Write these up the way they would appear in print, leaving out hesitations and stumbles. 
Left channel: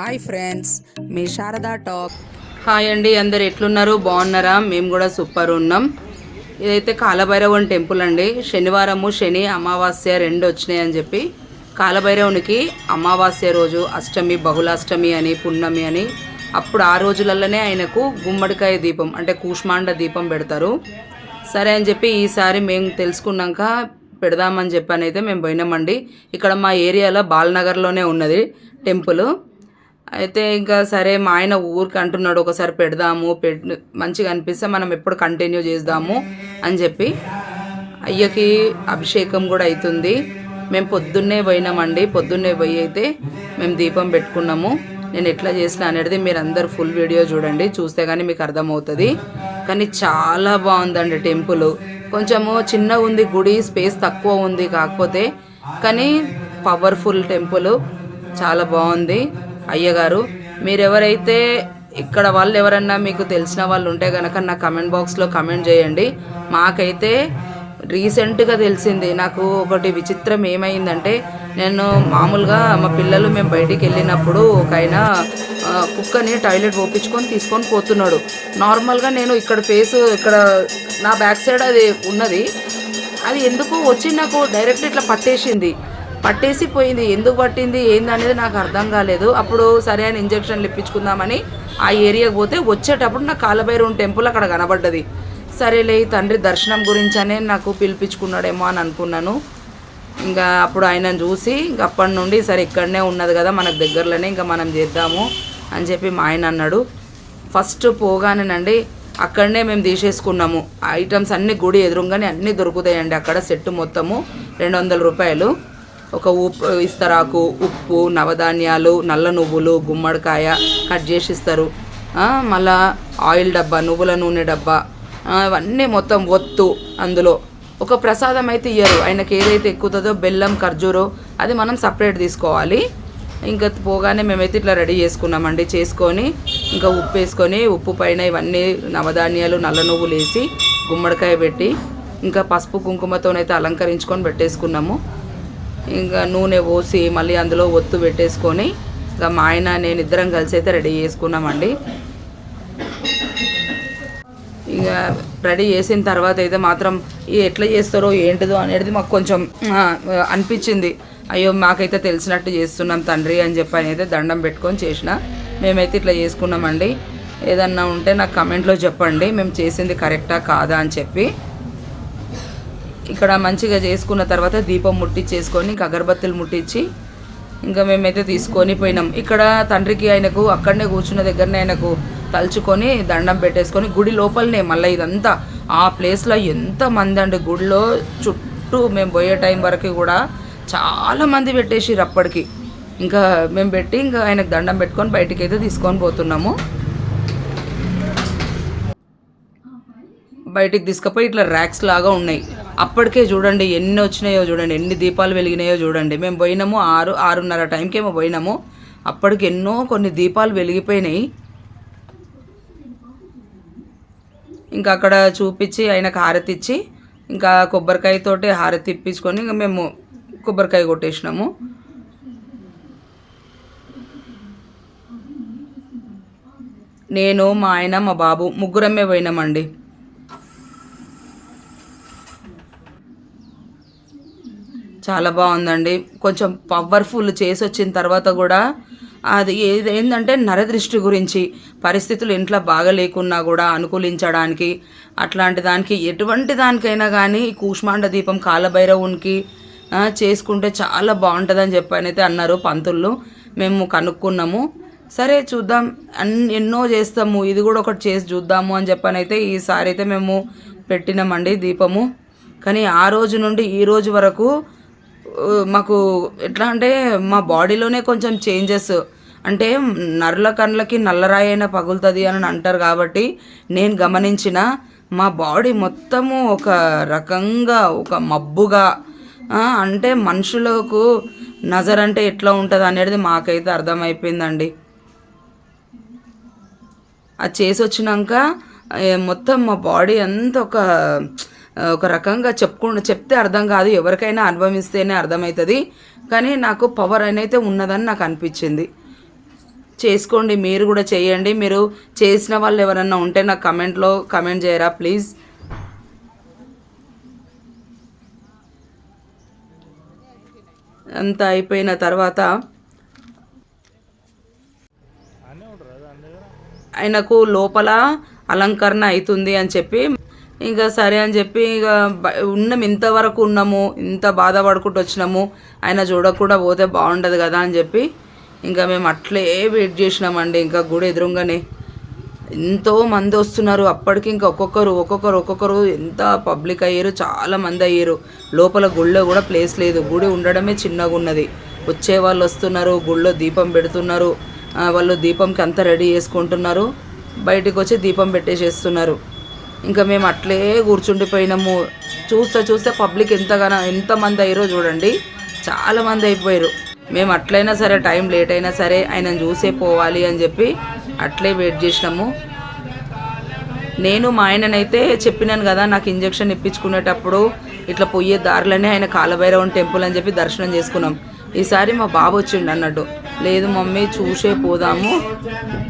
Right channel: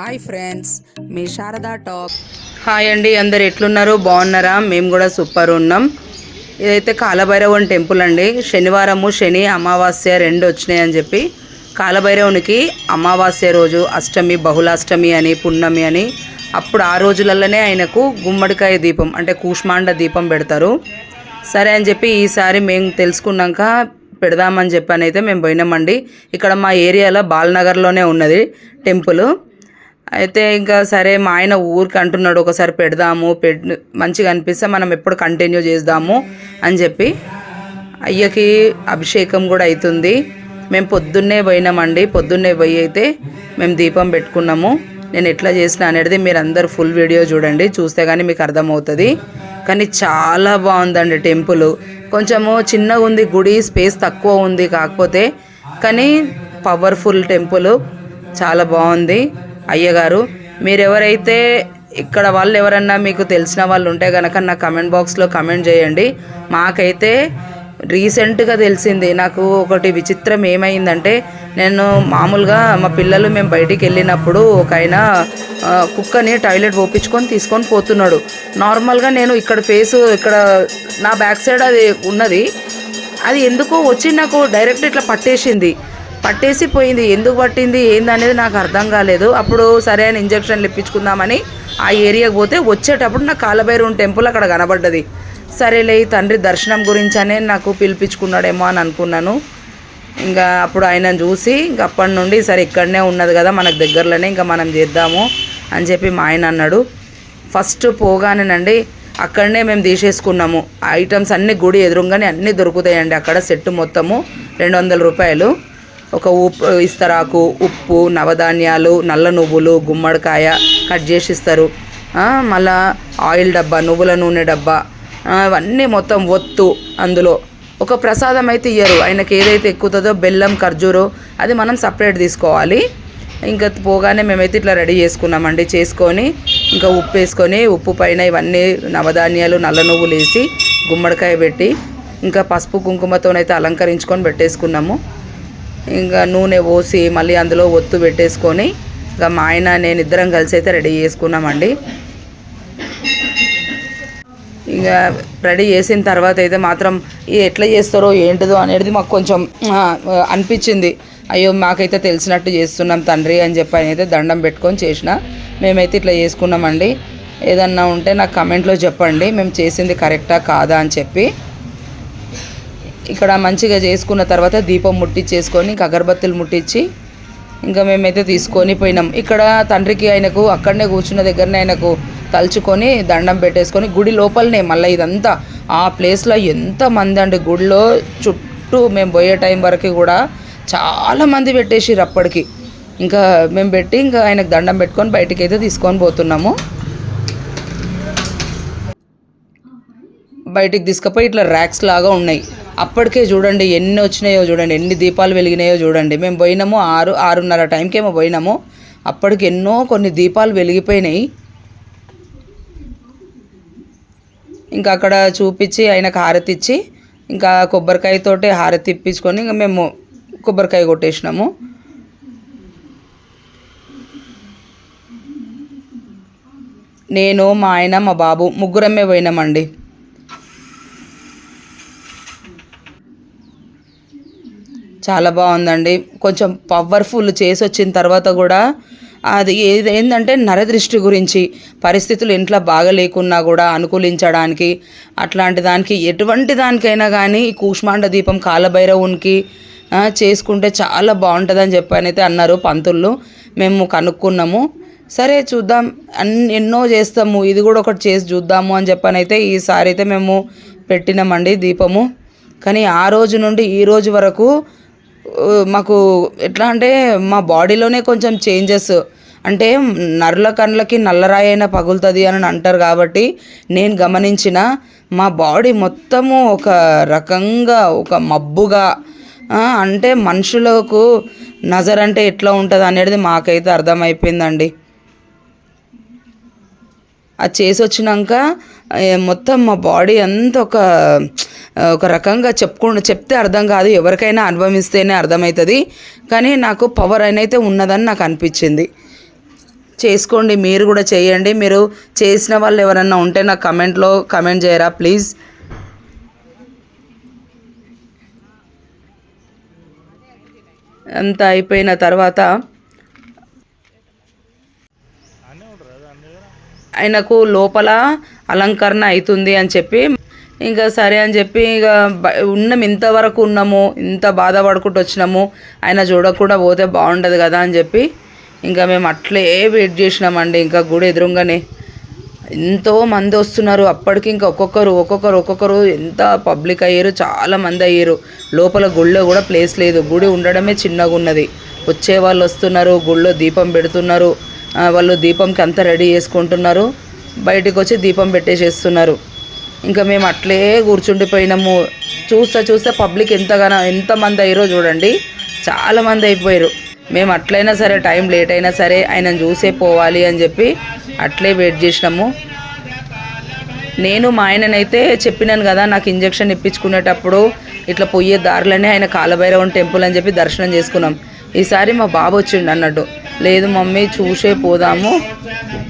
Hi friends, మీ Sharada top. Hi అండి, అందరు ఎట్లున్నారు? బాగున్నారా? మేము కూడా సూపర్ ఉన్నాం. ఇదైతే కాలభైరవుని టెంపుల్ అండి. శనివారము శని అమావాస్య రెండు వచ్చినాయి అని చెప్పి కాలభైరవునికి అమావాస్య రోజు అష్టమి, బహుళాష్టమి అని, పున్నమి అని అప్పుడు ఆ రోజులలోనే ఆయనకు గుమ్మడికాయ దీపం అంటే కూష్మాండ దీపం పెడతారు. సరే అని చెప్పి ఈసారి మేము తెలుసుకున్నాక పెడదామని చెప్పని అయితే మేము పోయినామండి. ఇక్కడ మా ఏరియాలో బాలనగర్లోనే ఉన్నది టెంపుల్. అయితే ఇంకా సరే మా ఆయన ఊరికి అంటున్నాడు ఒకసారి పెడదాము, మంచిగా అనిపిస్తే మనం ఎప్పుడు కంటిన్యూ చేద్దాము అని చెప్పి. అయ్యకి అభిషేకం కూడా అవుతుంది. మేము పొద్దున్నే పోయినామండి. పొద్దున్నే పోయి అయితే మేము దీపం పెట్టుకున్నాము. నేను ఎట్లా చేసిన అనేది మీరు అందరు ఫుల్ వీడియో చూడండి, చూస్తే కానీ మీకు అర్థమవుతుంది. కానీ చాలా బాగుందండి టెంపుల్. కొంచెము చిన్నగా ఉంది గుడి, స్పేస్ తక్కువ ఉంది కాకపోతే, కానీ పవర్ఫుల్ టెంపుల్, చాలా బాగుంది. అయ్యగారు మీరెవరైతే ఇక్కడ వాళ్ళు ఎవరన్నా మీకు తెలిసిన వాళ్ళు ఉంటే కనుక నా కమెంట్ బాక్స్లో కమెంట్ చేయండి. మాకైతే రీసెంట్గా తెలిసింది. నాకు ఒకటి విచిత్రం ఏమైందంటే, నేను మామూలుగా మా పిల్లలు మేము బయటికి వెళ్ళినప్పుడు ఒక ఆయన కుక్కని టాయిలెట్ పోపించుకొని తీసుకొని పోతున్నాడు. నార్మల్గా నేను ఇక్కడ ఫేసు ఇక్కడ నా బ్యాక్ సైడ్ అది ఉన్నది, అది ఎందుకో వచ్చి నాకు డైరెక్ట్ ఇట్లా పట్టేసి పోయింది. ఎందుకు పట్టింది ఏందనేది నాకు అర్థం కాలేదు. అప్పుడు సరైన ఇంజక్షన్లు ఇప్పించుకుందామని ఆ ఏరియాకి పోతే వచ్చేటప్పుడు నాకు కాలభైరవుని టెంపుల్ అక్కడ కనబడ్డది. సరేలే తండ్రి దర్శనం గురించనే నాకు పిలిపించుకున్నాడేమో అని అనుకున్నాను. ఇంకా అప్పుడు ఆయన చూసి ఇంక అప్పటి నుండి సరే ఇక్కడనే ఉన్నది కదా మనకు దగ్గరలోనే, ఇంకా మనం చేద్దాము అని చెప్పి మా ఆయన అన్నాడు. ఫస్ట్ పోగానేనండి అక్కడనే మేము తీసేసుకున్నాము. ఐటమ్స్ అన్నీ గుడి ఎదురుగానే అన్నీ దొరుకుతాయండి అక్కడ. సెట్ మొత్తము 200 రూపాయలు. ఒక ఇస్తరాకు, ఉప్పు, నవధాన్యాలు, నల్ల నువ్వులు, గుమ్మడికాయ కట్ చేసి ఇస్తారు. మళ్ళా ఆయిల్ డబ్బా, నువ్వుల నూనె డబ్బా, అవన్నీ మొత్తం ఒత్తు. అందులో ఒక ప్రసాదం అయితే ఇయ్యరు. ఆయనకి ఏదైతే ఎక్కుతుందో బెల్లం, ఖర్జూరం, అది మనం సపరేట్ తీసుకోవాలి. ఇంకా పోగానే మేమైతే ఇట్లా రెడీ చేసుకున్నామండి. చేసుకొని ఇంకా ఉప్పు వేసుకొని, ఉప్పు పైన ఇవన్నీ నవధాన్యాలు, నల్ల నువ్వులు వేసి గుమ్మడికాయ పెట్టి ఇంకా పసుపు కుంకుమతోనైతే అలంకరించుకొని పెట్టేసుకున్నాము. ఇంకా నూనె పోసి మళ్ళీ అందులో ఒత్తు పెట్టేసుకొని ఇంకా మా ఆయన నేను ఇద్దరం కలిసి అయితే రెడీ చేసుకున్నామండి. ఇంకా రెడీ చేసిన తర్వాత అయితే మాత్రం ఎట్లా చేస్తారో ఏంటిదో అనేది మాకు కొంచెం అనిపించింది. అయ్యో మాకైతే తెలిసినట్టు చేస్తున్నాం తండ్రి అని చెప్పి ఆయన అయితే దండం పెట్టుకొని చేసిన. మేమైతే ఇట్లా చేసుకున్నామండి. ఏదన్నా ఉంటే నాకు కమెంట్లో చెప్పండి, మేము చేసింది కరెక్టా కాదా అని చెప్పి. ఇక్కడ మంచిగా చేసుకున్న తర్వాత దీపం ముట్టించేసుకొని ఇంకా అగరబత్తులు ముట్టించి ఇంకా మేమైతే తీసుకొని పోయినాం. ఇక్కడ తండ్రికి ఆయనకు అక్కడనే కూర్చున్న దగ్గరనే ఆయనకు తలుచుకొని దండం పెట్టేసుకొని గుడి లోపలనే మళ్ళీ ఇదంతా ఆ ప్లేస్లో ఎంతమంది అండి గుడిలో చుట్టూ మేము పోయే టైం వరకు కూడా చాలామంది పెట్టేసిర్రు అప్పటికి. ఇంకా మేము పెట్టి ఇంకా ఆయనకు దండం పెట్టుకొని బయటికి అయితే తీసుకొని పోతున్నాము. బయటికి తీసుకుపోయి ఇట్లా ర్యాక్స్ లాగా ఉన్నాయి. అప్పటికే చూడండి ఎన్ని వచ్చినాయో చూడండి, ఎన్ని దీపాలు వెలిగినాయో చూడండి. మేము పోయినాము 6:30 టైంకేమో పోయినాము. అప్పటికి ఎన్నో కొన్ని దీపాలు వెలిగిపోయినాయి. ఇంకా అక్కడ చూపించి ఆయనకు హారతి ఇచ్చి ఇంకా కొబ్బరికాయతోటి హారతి ఇప్పించుకొని ఇంకా మేము కొబ్బరికాయ కొట్టేసినాము. నేను, మా ఆయన, మా బాబు ముగ్గురమే పోయినామండి. చాలా బాగుందండి. కొంచెం పవర్ఫుల్ చేసి వచ్చిన తర్వాత కూడా అది ఏంటంటే నరదృష్టి గురించి, పరిస్థితులు ఇంట్లో బాగా లేకున్నా కూడా అనుకూలించడానికి, అట్లాంటి దానికి ఎటువంటి దానికైనా కానీ ఈ కూష్మాండ దీపం కాలభైరవునికి చేసుకుంటే చాలా బాగుంటుందని చెప్పనైతే అన్నారు పంతుళ్ళు. మేము కనుక్కున్నాము. సరే చూద్దాం, ఎన్నో చేస్తాము, ఇది కూడా ఒకటి చేసి చూద్దాము అని చెప్పనైతే ఈసారి అయితే మేము పెట్టినామండి దీపము. కానీ ఆ రోజు నుండి ఈ రోజు వరకు మాకు ఎట్లా అంటే మా బాడీలోనే కొంచెం చేంజెస్, అంటే నర్ల కండ్లకి నల్లరాయి అయినా పగులుతుంది అని అంటారు కాబట్టి నేను గమనించిన మా బాడీ మొత్తము ఒక రకంగా ఒక మబ్బుగా, అంటే మనుషులకు నజర్ అంటే ఎట్లా ఉంటుంది అనేది మాకైతే అర్థమైపోయిందండి. అది చేసి వచ్చినాక మొత్తం మా బాడీ అంతా ఒక రకంగా చెప్తే అర్థం కాదు, ఎవరికైనా అనుభవిస్తేనే అర్థమవుతుంది. కానీ నాకు పవర్ అయితే ఉన్నదని నాకు అనిపించింది. చేసుకోండి, మీరు కూడా చేయండి. మీరు చేసిన వాళ్ళు ఎవరన్నా ఉంటే నాకు కమెంట్లో కమెంట్ చేయరా ప్లీజ్. అంతా అయిపోయిన తర్వాత ఆయనకు లోపల అలంకరణ అవుతుంది అని చెప్పి ఇంకా సరే అని చెప్పి ఇక ఉన్నాము, ఇంతవరకు ఉన్నాము, ఇంత బాధపడుకుంటూ వచ్చినాము, ఆయన చూడకుండా పోతే బాగుండదు కదా అని చెప్పి ఇంకా మేము అట్లే వెయిట్ చేసినామండి. ఇంకా గుడి ఎదురుగానే ఎంతో మంది వస్తున్నారు. అప్పటికి ఇంకా ఒక్కొక్కరు ఎంత పబ్లిక్ అయ్యారు, చాలా మంది అయ్యారు. లోపల గుడిలో కూడా ప్లేస్ లేదు, గుడి ఉండడమే చిన్నగా ఉన్నది. వచ్చే వాళ్ళు వస్తున్నారు, గుడిలో దీపం పెడుతున్నారు, వాళ్ళు దీపంకి అంతా రెడీ చేసుకుంటున్నారు, బయటికి వచ్చి దీపం పెట్టేసేస్తున్నారు. ఇంకా మేము అట్లే కూర్చుండిపోయినాము. చూస్తే పబ్లిక్ ఎంతమంది అయ్యారో చూడండి, చాలామంది అయిపోయారు. మేము అట్లయినా సరే టైం లేట్ అయినా సరే ఆయనను చూసే పోవాలి అని చెప్పి అట్లే వెయిట్ చేసినాము. నేను మా ఆయననైతే చెప్పినాను కదా, నాకు ఇంజెక్షన్ ఇప్పించుకునేటప్పుడు ఇట్లా పోయే దారిలోనే ఆయన కాలభైరవం టెంపుల్ అని చెప్పి దర్శనం చేసుకున్నాం. ఈసారి మా బాబు వచ్చిండు అన్నట్టు, లేదు మమ్మీ చూసే పోదాము,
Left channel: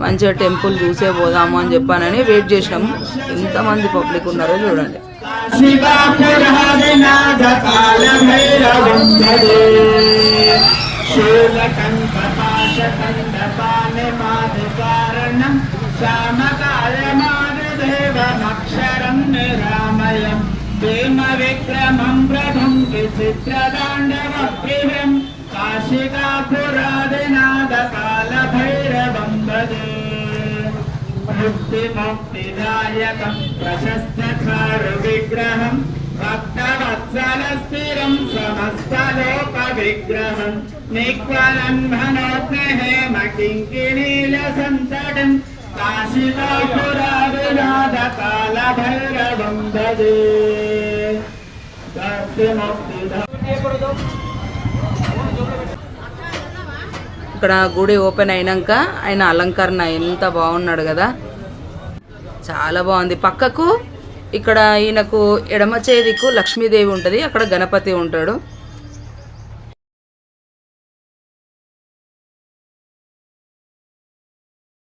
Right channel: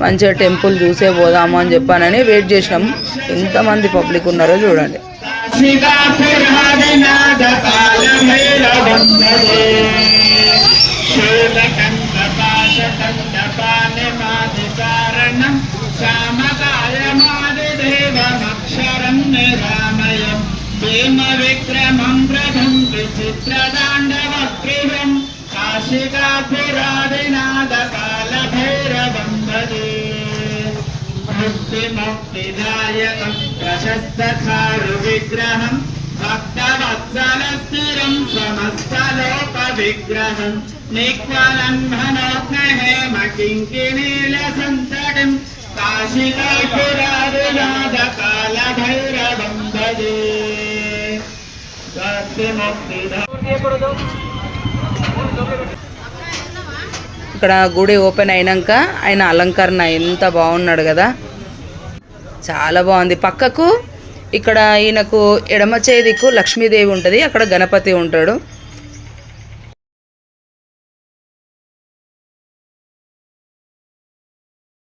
మంచిగా టెంపుల్ చూసే పోదాము అని చెప్పానని వెయిట్ చేసినాము. ఎంతమంది పబ్లిక్ ఉన్నారో చూడండి. విక్రమం ప్రథం విచిత్రతాండవప్రియం కాశికాపురాదినాథ కాలభైరవం భజే. ముక్తిదాయకం ప్రశస్తచారు విగ్రహం భక్తవత్సల స్థిరం సమస్తలోక విగ్రహం నిక్వలంఘనోగ్నహేమ కింకిణీల సంతటిం కాశికాపురాదినాథ కాలభైరవం భజే. ఇక్కడ గుడి ఓపెన్ అయినాక ఆయన అలంకరణ ఎంత బాగున్నాడు కదా, చాలా బాగుంది. పక్కకు ఇక్కడ ఈయనకు ఎడమ చేతికు లక్ష్మీదేవి ఉంటుంది, అక్కడ గణపతి ఉంటాడు.